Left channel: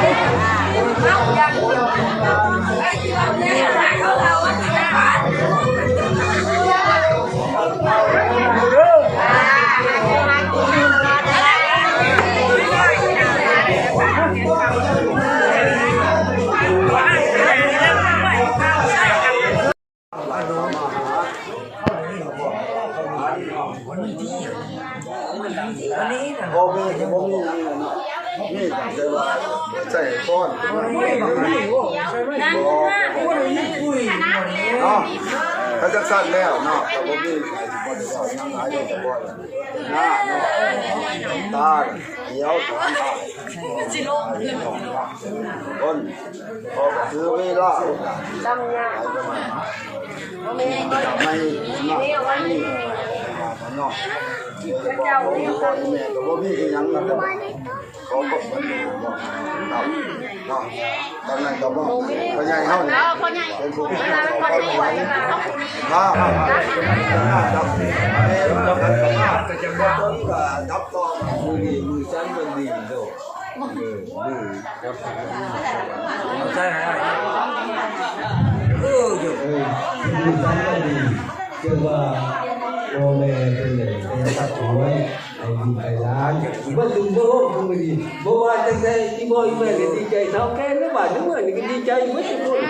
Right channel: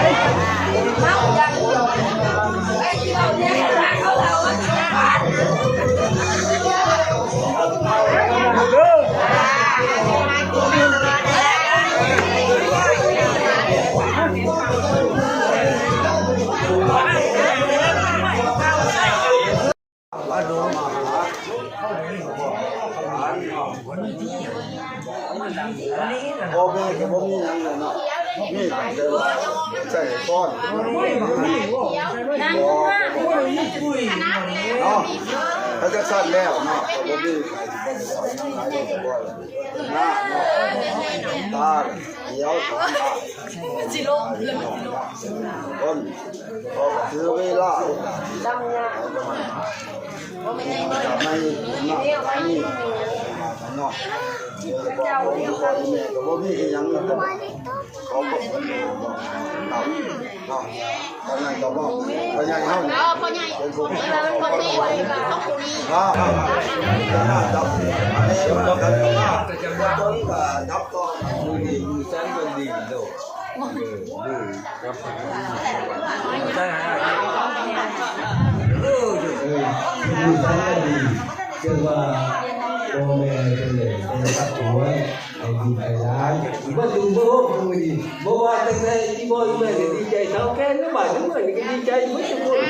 เมาอย่างเดียวพ่อแม่ก็บ่มีหยังเลยเนาะนี่แต่ว่าใส่ก้อนเนาะถ้าจะสั้นแล้วเนาะก็บ่มีใครบ่ได้ว่ายังหลายอยู่แต่บ่หน้าเนาะตาเขียวสองตาสิลงคนพอก็ถือเวลาโอกาสไม่เนาะนี่เนาะบอกผมก่อนแม่ก็บ่มีอีหยังเลยเขาบอกมันดูเนาะเนาะตอนนั้นก็บอกพ่อใหญ่เฮานี่เป็นผู้เขาไว้จับอันนี้มันกันกับมาบ่ถึงก็จับต่อมือดีมือจันมือดีโดครับใช่ฮะมือจันมือดีเรียกว่าโอเมเป็นเลยเป็นปัจจุบันไอ้ดีไอ้ร้านว่าจุดโบกมันดีบ่ว่าจังได๋ที่บ่อีแม่ดีใจเท่าแก่นะบ้านทั้งหมดนี่ดีใจหมดทุกคน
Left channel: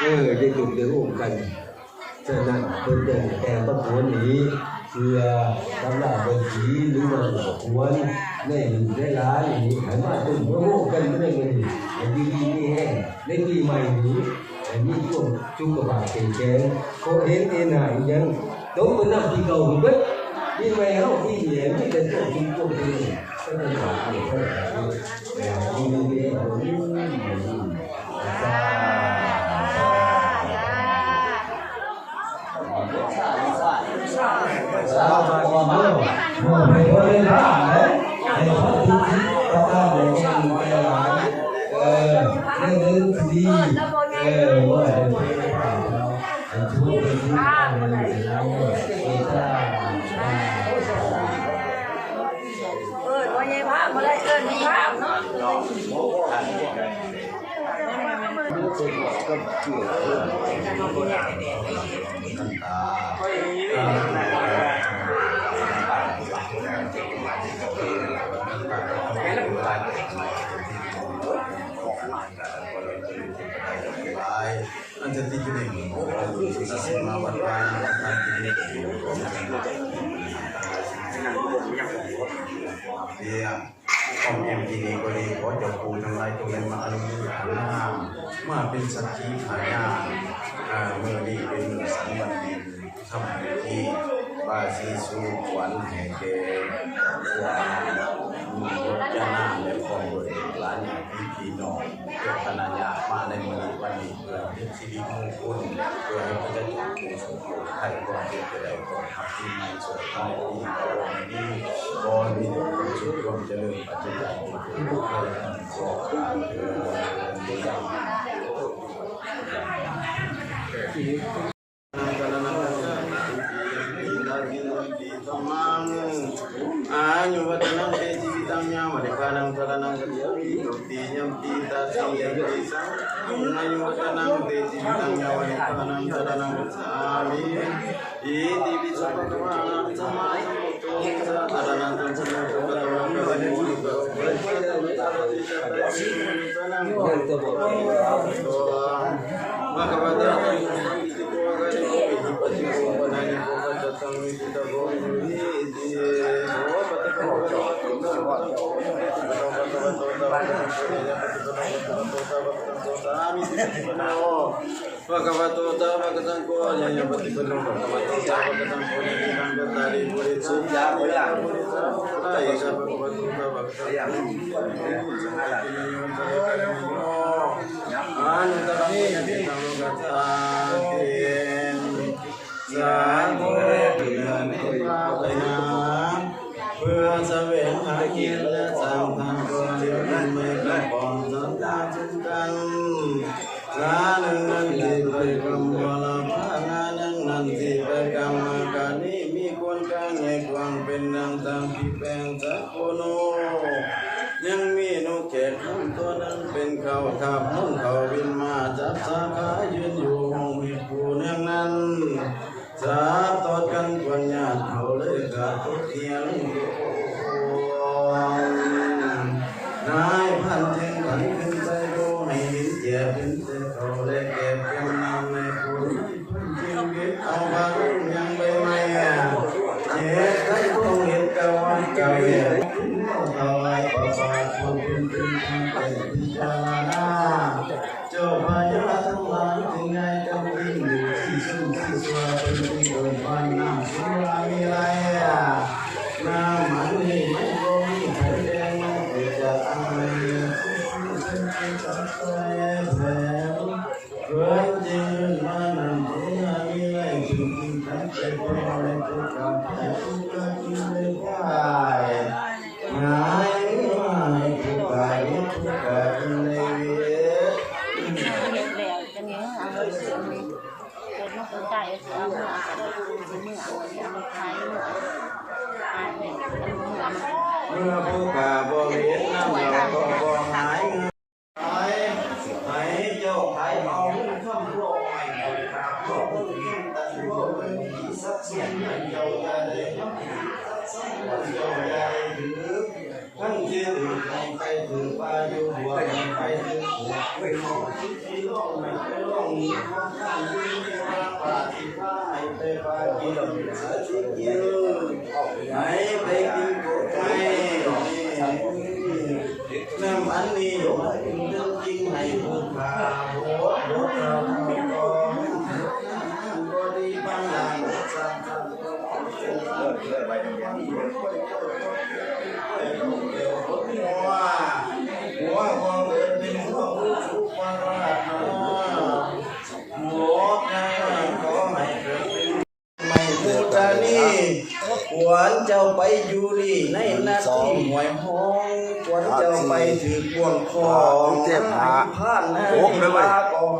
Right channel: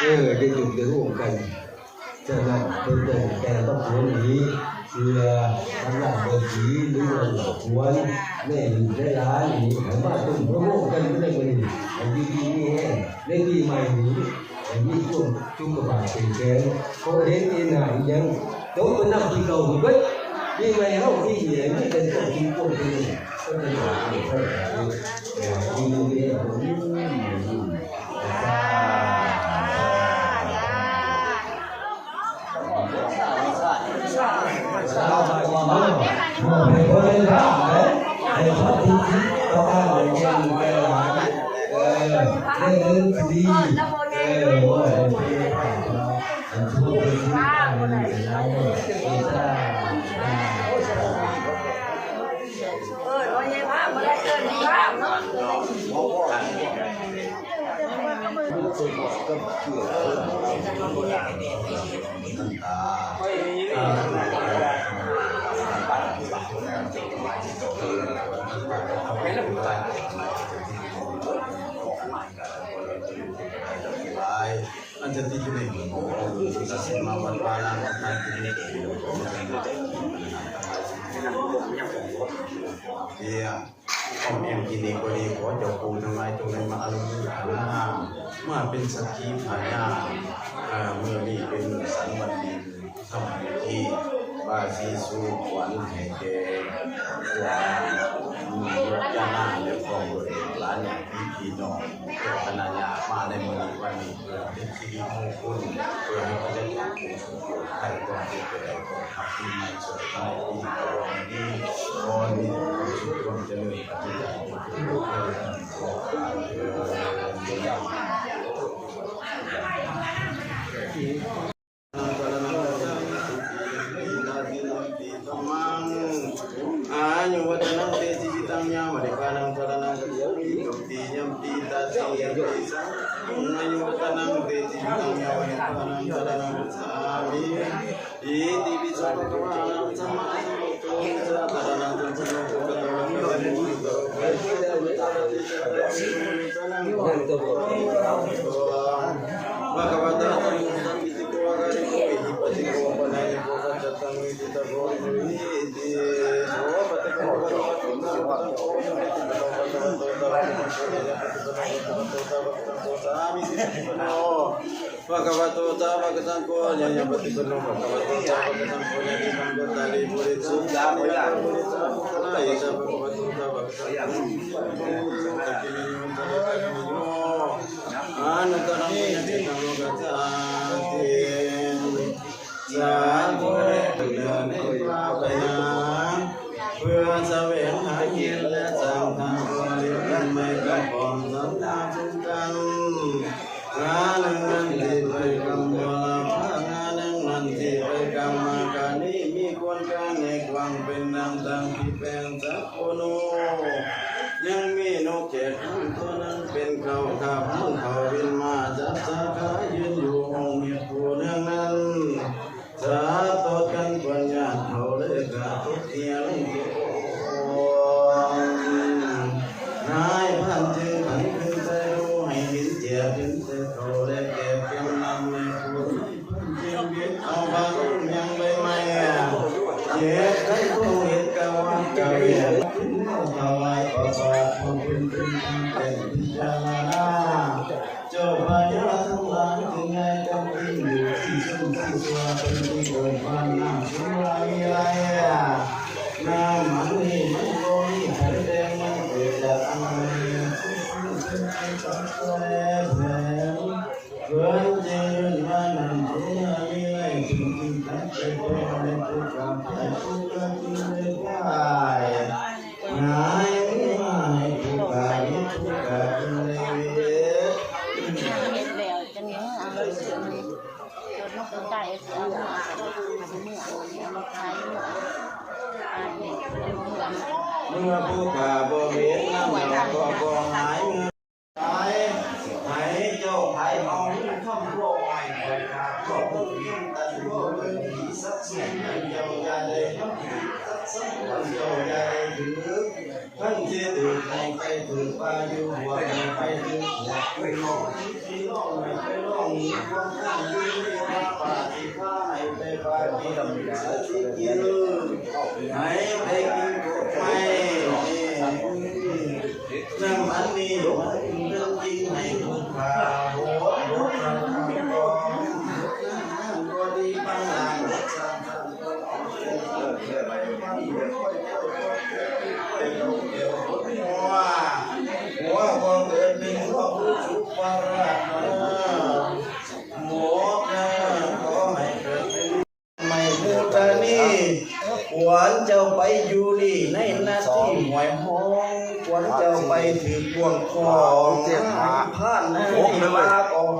ได้จุดได้ร่วมกันฉะนั้นเป็นแต่ปัจจุบันนี้เพื่อทำหน้าเป็นสีหรือว่าควรในร้านนี้ให้มาตุ้มร่วมกันไม่ได้บ่ดีไอ้ดีนี่แห้งในปีใหม่นี้มีช่วงจุกกระบาดเป็นแสนเขาเห็นเองหน้ายังđúng với năm thì cầu thì biết đi về không đi thì đến cái đến cái chính phủ thì cái cái đó thì phải đi đi Anjir tujuh nih, kita semua warna nanti ini dia om MTD ก็ดีขอเจ้าปู่ทั้งหลายจงได้มาอนุโมทนามาเป็นสักขีพยานเมื่อนี้เป็นมื้อสันวันดีทำพิธีบาสีสู่ขวัญแห่แก่ยกยานาและของบริหลานอย่างพี่น้องเพื่อคณะญาติมาในมื้อวันนี้เพื่อเป็นสิริมงคลเพื่อให้พระเจ้าอยู่หัวใครก็ให้ได้ก็ทำที่มีสุขในปีนี้ก็มีความสุขความเจริญปัจจัยทุกๆคนขอAnyo watanang te jibitangnya madekanang taranang kati nyamti tasi nyamti sang anyo watanang te jibitangnya madekanang taranang kami iti bisa pakawanang sama sambuto sa taranang tansuno katawang kawani muka maka bata tangan itu kuagani ko hipati ko panani ko katang kita ko ini diเพื่อแสวงหาเกียรติและสร้างทางความเลี้ยงกันไม่กำปองสัมภาษณ์กันงานนั้นที่ไปกำวลพางานนั้นที่ไปกำมาการนี้มีคนกันในความเป็นอย่างต่างที่แปลงสักคนยังมีนกแขก เป็นเขาขับมุ่งเขาวินมาจับสาขายืนอยู่ห้องมีผู้เนื่องนั้นสาธุกันกวนญาติเขาเลยกะทุกเทียงนายพันจึงผันขึ้นใจดูให้หินเจียขึ้นใจเขาเลยเก็บกำนำในผู้นี้พันจึงยึดเอาบางยังไปไม่เงี้ยเจ็บทั้งตัวเห็นกะวันกะเวียถวายพระบาทของคุณเป็นทางเป็นพิจารณาเจ้าพญาทั้งหลายถึงไงจำเป็นอยู่ที่ซึ่งที่สวาเป็นที่โดยพันน้ำสุรามีไรน้ำมันนี่มันโกมีไข่แดงมันเกิดจากอะไรเป็นจักรแผลเกิดจริงมันสุรามีไรจึงกินทั้งใจพอในทุกการแพ้ทุกการกินไม่ได้หายไม่ทุกการทุกการในเวท เห็ดแล้วจะมีเมื่อเอามาซื้อมีรถนกตัวไก่เอาเมื่อเอากับเมื่อเอาเอามาขายเมื่อขายเนี่ยเอาเมื่อมัน เมื่อผู้ขาบ่เห็นน้ำเราก็บ่หายเงินหายเจ้าไผ่เอาเงินคำร้อยบ่ขาดบ่ผู้เงินตันบ่เงินที่สักส่วนเจ้าอย่าได้ทำผิดสักส่วนเจ้าอย่าได้ถือทั้งที่ถือให้ไปถือปลาอยู่หัวไปถือหัวไปลงที่ลงไม่ไปลงมีความข้างยืนที่มาปาที่ผ้าให้ไปปาที่ลำบากที่กินให้ไปกินกุดไม่น้ำอันนี้มันเป็นเรื่องจริงให้ผู้ขาโหดโหดเราทำก่อนก็ดีบางอย่างสร้างสรรค์ก็เป็นเรื่องเกิดไปบางอย่างก็ไปลงเกี่ยวกับหัวความเกิดเป็นหัวผู้สุภาราชหมดนะขอให้เกิดเป็นไม่พูดนี่ขวัญเจ้าไปอยู่นี่ในนาที่หวยห้องขวัญเจ้าไปถือพวงของผ่านนะลาก่อน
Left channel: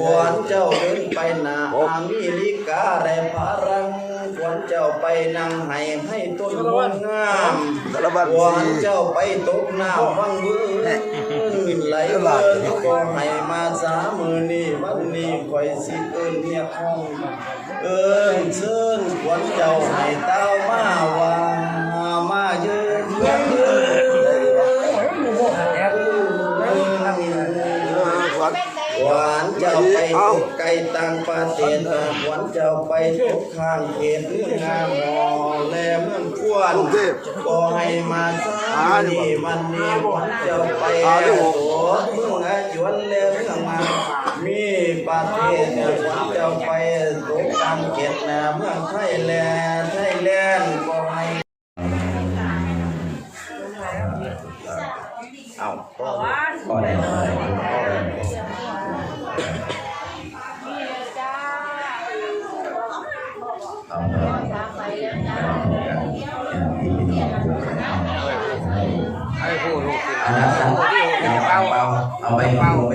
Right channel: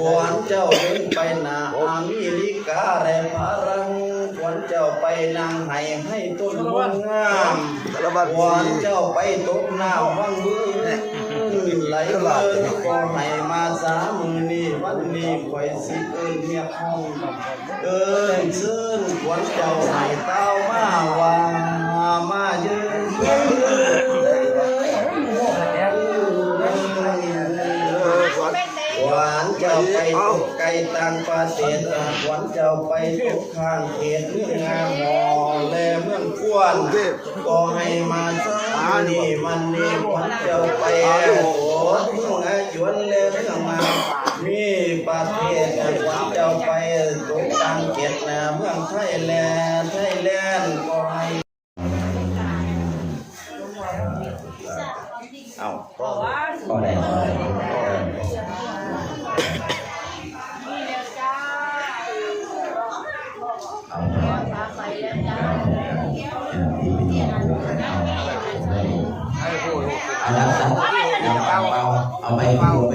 ขวัญเจ้าเดินไปนาอเมริกาได้พารังขวัญเจ้าไปนั่งให้ต้นมวลงามขวัญเจ้าไปตกน้ำวันบุญไหลเงินก็ให้มา30,000นี่วันนี้ไว้สิเอิ้นเมียห้องเอิ้นเชิญขวัญเจ้าให้เต้ามาว่ามายืนหวานเจ้าไปตกไก่ต่างประเทศหวานเจ้าไปตกข้างเขตเมืองงามหอแลเมืองควรก็ให้มานี่วันนี้หวานเจ้าไปตัวเมืองอาจวนแลเมืองมามีประเทศหวานเจ้าไปตกต่างเขตเมืองไทยแลนด์ก็ให้เอาก็ได้เอาไปพูด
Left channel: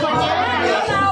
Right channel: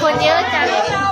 คนเยอะจัเดี๋ยว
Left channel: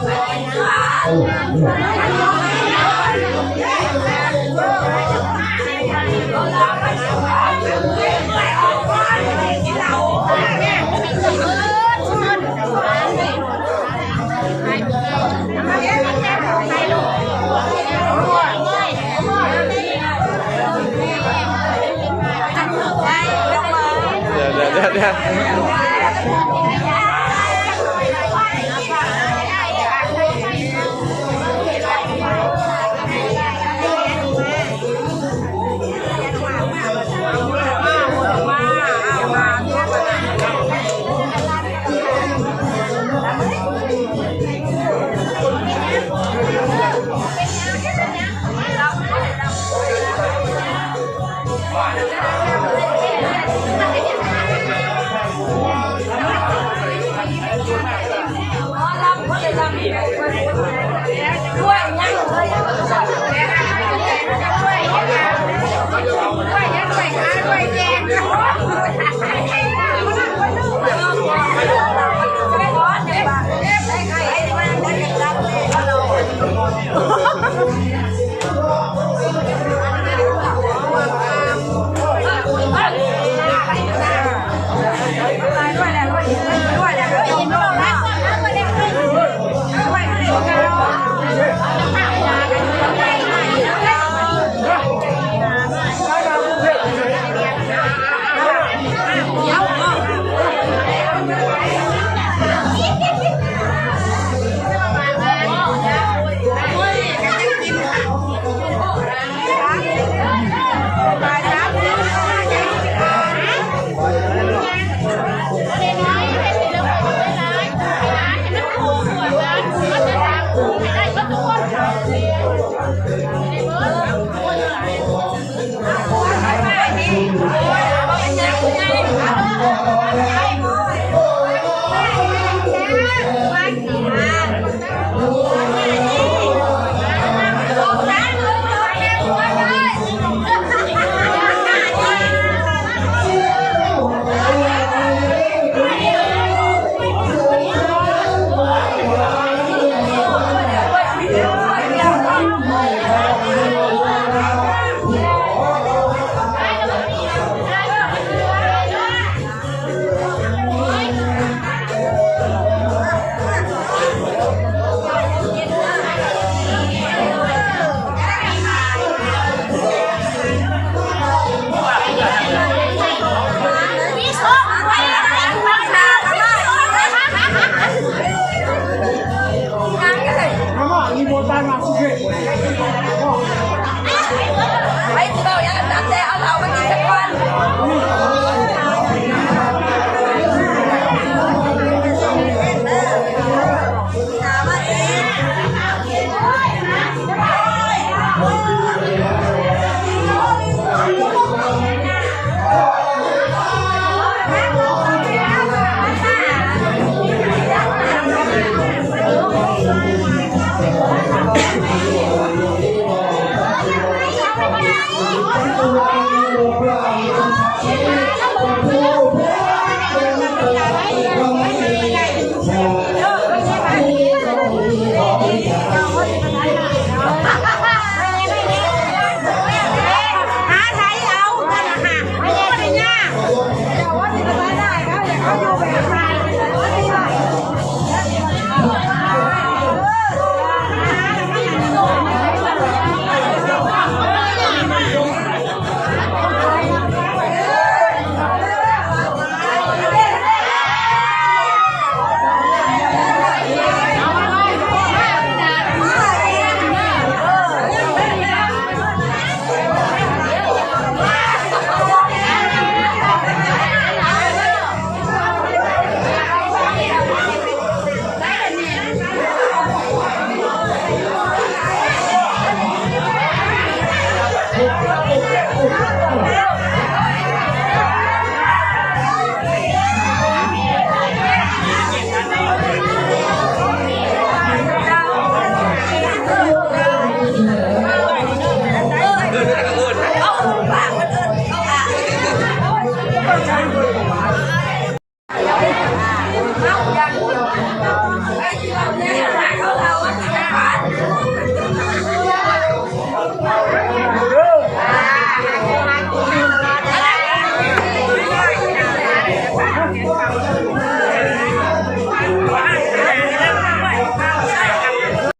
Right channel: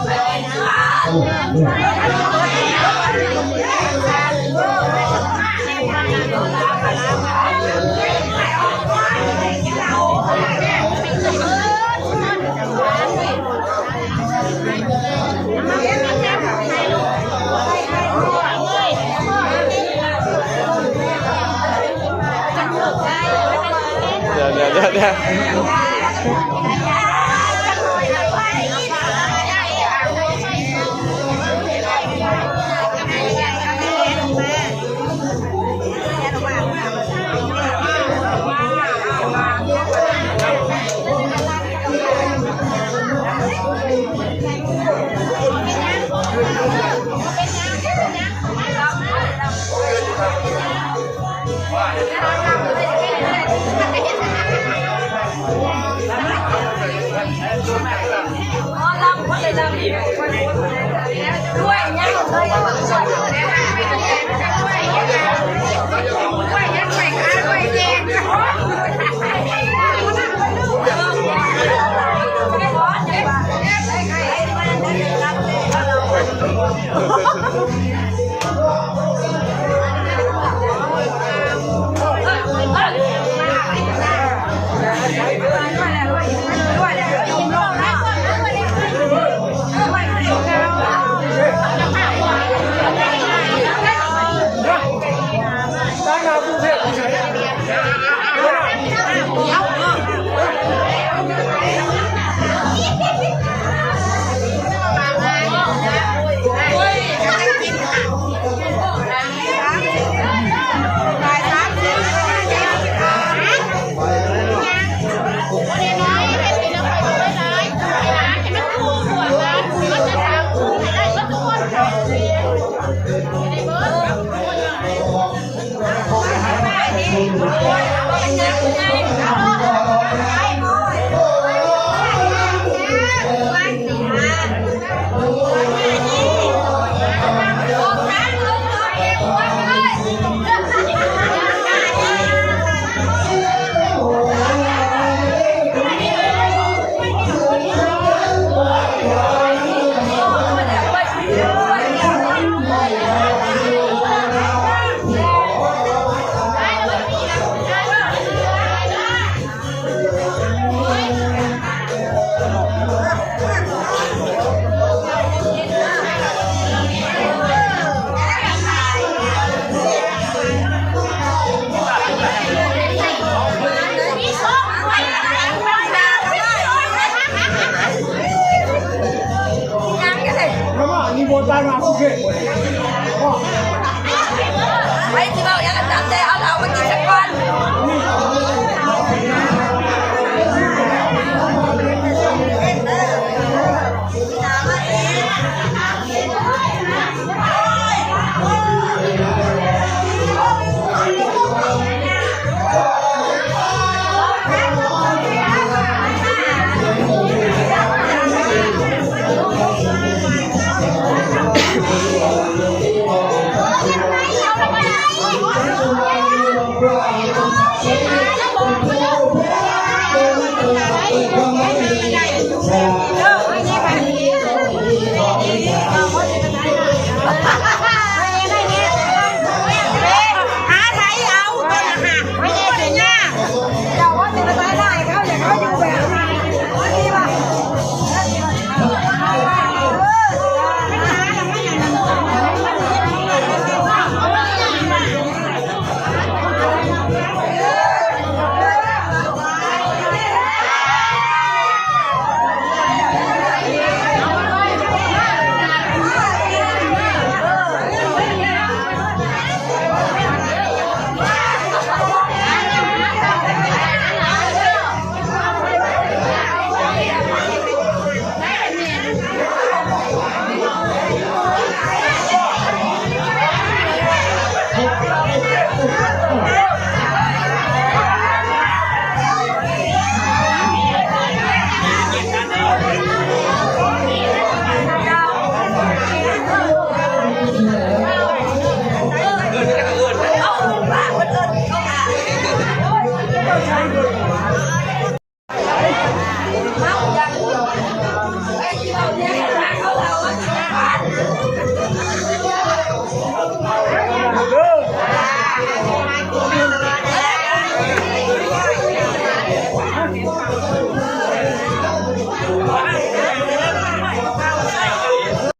Hãy subscribe cho kênh Ghiền Mì Gõ để không bỏ lỡ những video hấp dẫn